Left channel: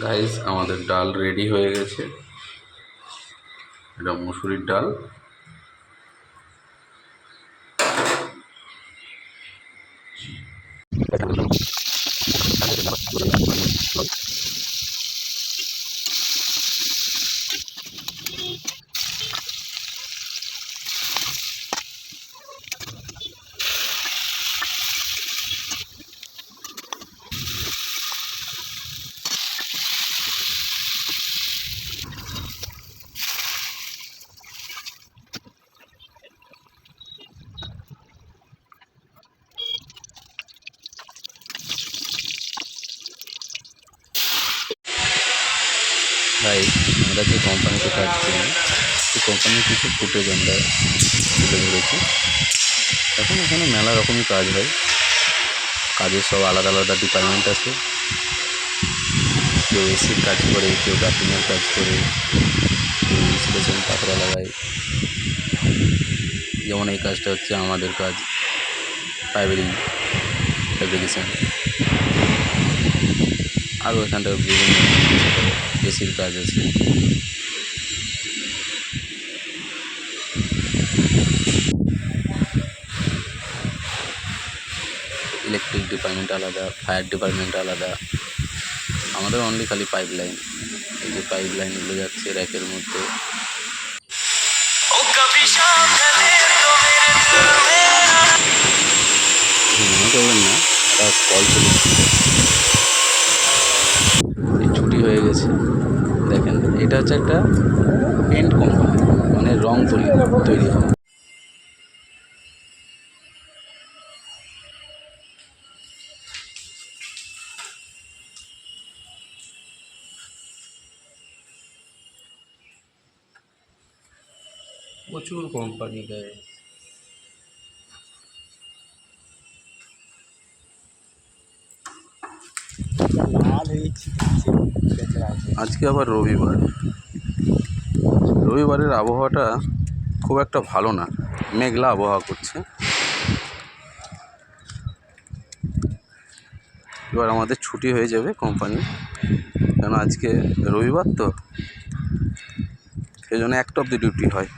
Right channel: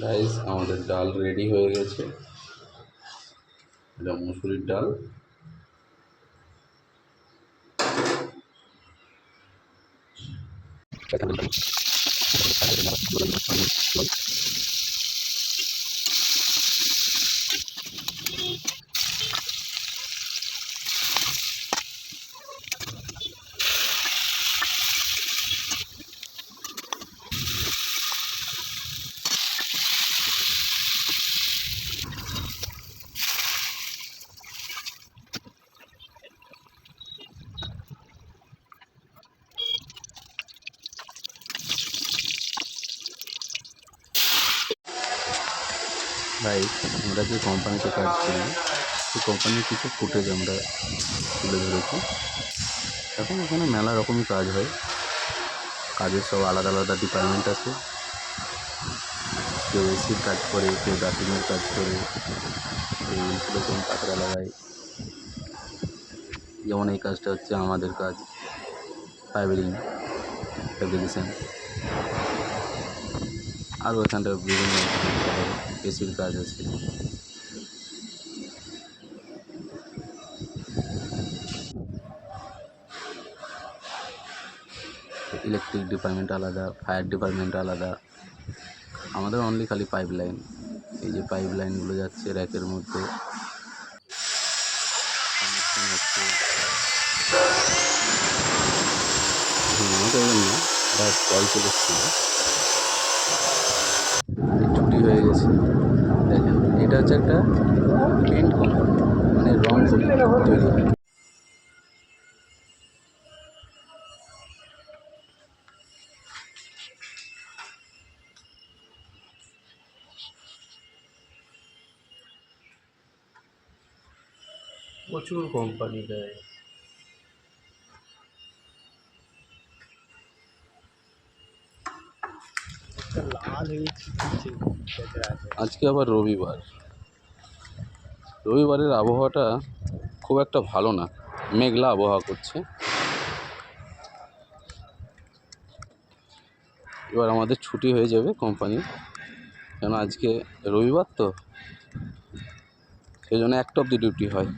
Guys আমাদের ডাল ready হয়ে গেছে। এটা মুসুরির ডাল। ভাই আমরা যে কোম্পানিতে কাজ করি সেই কোম্পানির কিছু ফুটেজ আমরা তুলে ধরেছি। এখন এখানে মেলা রকমই কাজ হয়। কাজের সব আলাদা আলাদা ডিপার্টমেন্ট আছে। কেউ এসির কাজ করে, কেউ ডাকিংয়ের কাজ করে, কেউ ইনসুলেশন পাতরা লাগায়। যেমন এই কাজটা হচ্ছে আমাদের কাজ, পাইপেরিং ফ্যাব্রিকেশন। আরও এখানটা বিভিন্ন এসির কাজ আছে। ইলেকট্রিক ডিপার্টমেন্ট আলাদা, ফায়ার ডিপার্টমেন্ট আলাদা। আমাদের অনলি খালি পাইপ লাইন। এই যে পাইপ লাইনগুলো যাচ্ছে র্যাকের মধ্যে। মনে করবেন না, একটা কল চলেছিল, ছুটি হয়ে গেছে। দেখেন, এটা হচ্ছে একটা পেন্ট কোম্পানি, মানে রং তৈরি হয়। প্রচুর কোম্পানি দেয়। আজকে আবার রবিবারের আবহাওয়াটা খুব একটা ভালো না, মেঘলা আবহাওয়া করছে। এবার আমাদের ছুটি হয়ে যাবে কোম্পানি, কেন আজকে রবিবার তো, সেই জন্য 1টা অবধি ডিউটি হয়।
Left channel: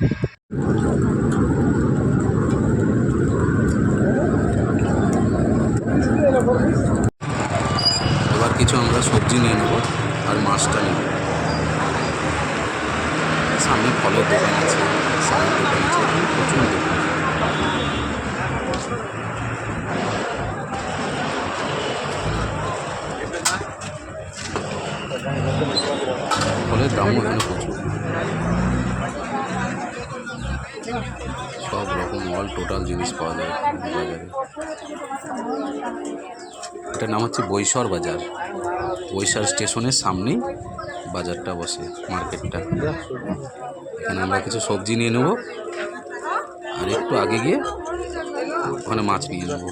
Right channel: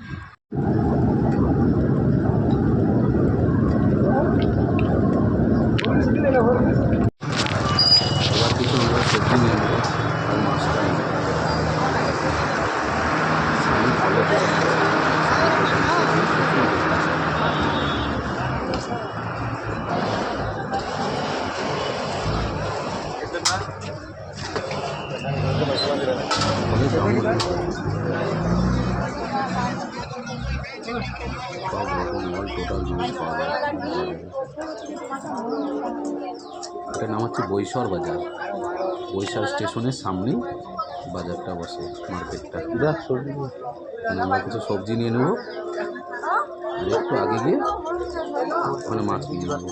এবার কিছু আমরা সবজি নিয়ে নেবো আর মাছটা নেব। সামনে ফলের দোকান আছে, প্রচুর দোকান। ফলের দামও এখানে প্রচুর। সব রকম অল টোটাল জিনিস পাওয়া যায় বাজারে। এটার নাম হচ্ছে বৈশর বাজার। বৈশর স্টেশনের সামনেই বাজারটা বসে, মার্কেটটা। এখানে আমরা কিছু সবজি নিয়ে নেব, আর একটু আগে গিয়ে ওখানে মাছ নিয়ে নেব।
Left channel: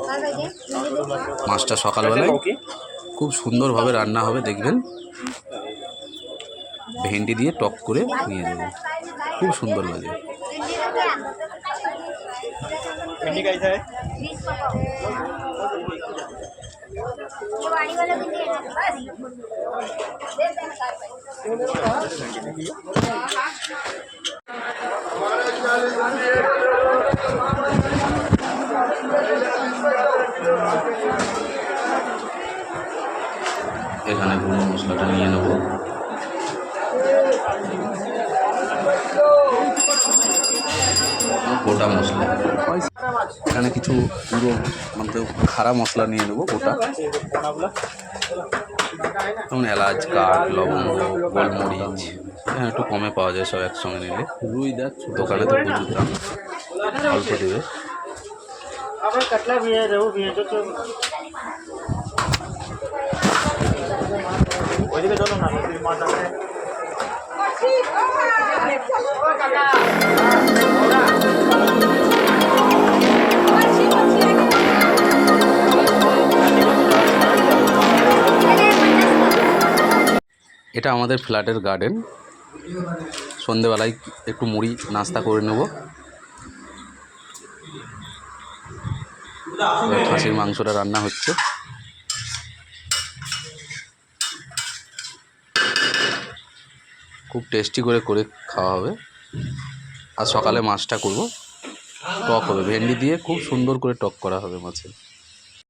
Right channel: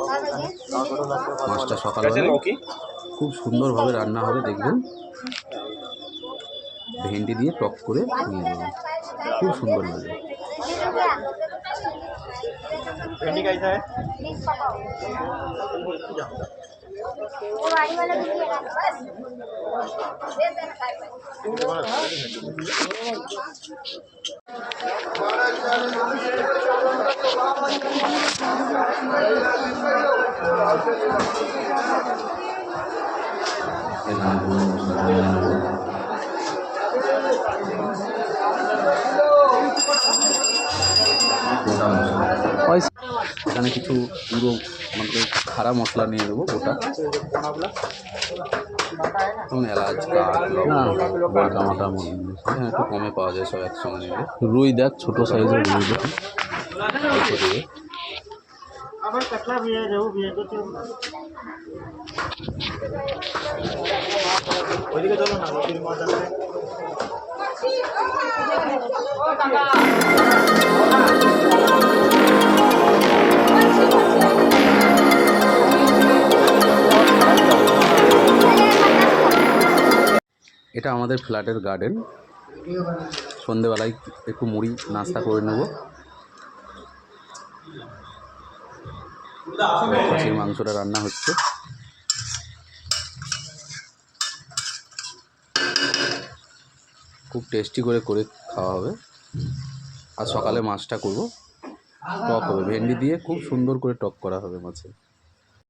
মাছটা সকালবেলায় খুব সুন্দরভাবে রান্না হবে, দেখবেন। ভেন্ডি দিয়ে টক করে নিয়ে দেবো, খুব সুন্দর লাগে। এখানে গুঁড়ো মশলাটা নিয়ে নেব। গোটা মশলা, এখানে কিছু পুরো মানে খাড়া মশলা নিয়ে নেবো গোটা, যেমন এলাচ, কাঠ, লবঙ্গ, গোলমরিচ। হ্যাঁ, একটু কমে পাওয়া যায় সব একসঙ্গে নিলে। রুই দেখ, ছোটো সাইজের রুই দাম অল্প দেবে। ওইদিকে চলো না, মাছ আছে। এটা আমাদের ফ্ল্যাটের গার্ডেন। সন্ধেবেলায় একটু মুড়ি নাস্তা করে নেব। খাসির মাংসটা রান্না হচ্ছে। খুব টেস্টি করে করে খাওয়া হবে। আর সকালে মাছটা করব, টক হবে, ভেন্ডি দিয়ে খুব সুন্দর করে টক করা হবে মাছের।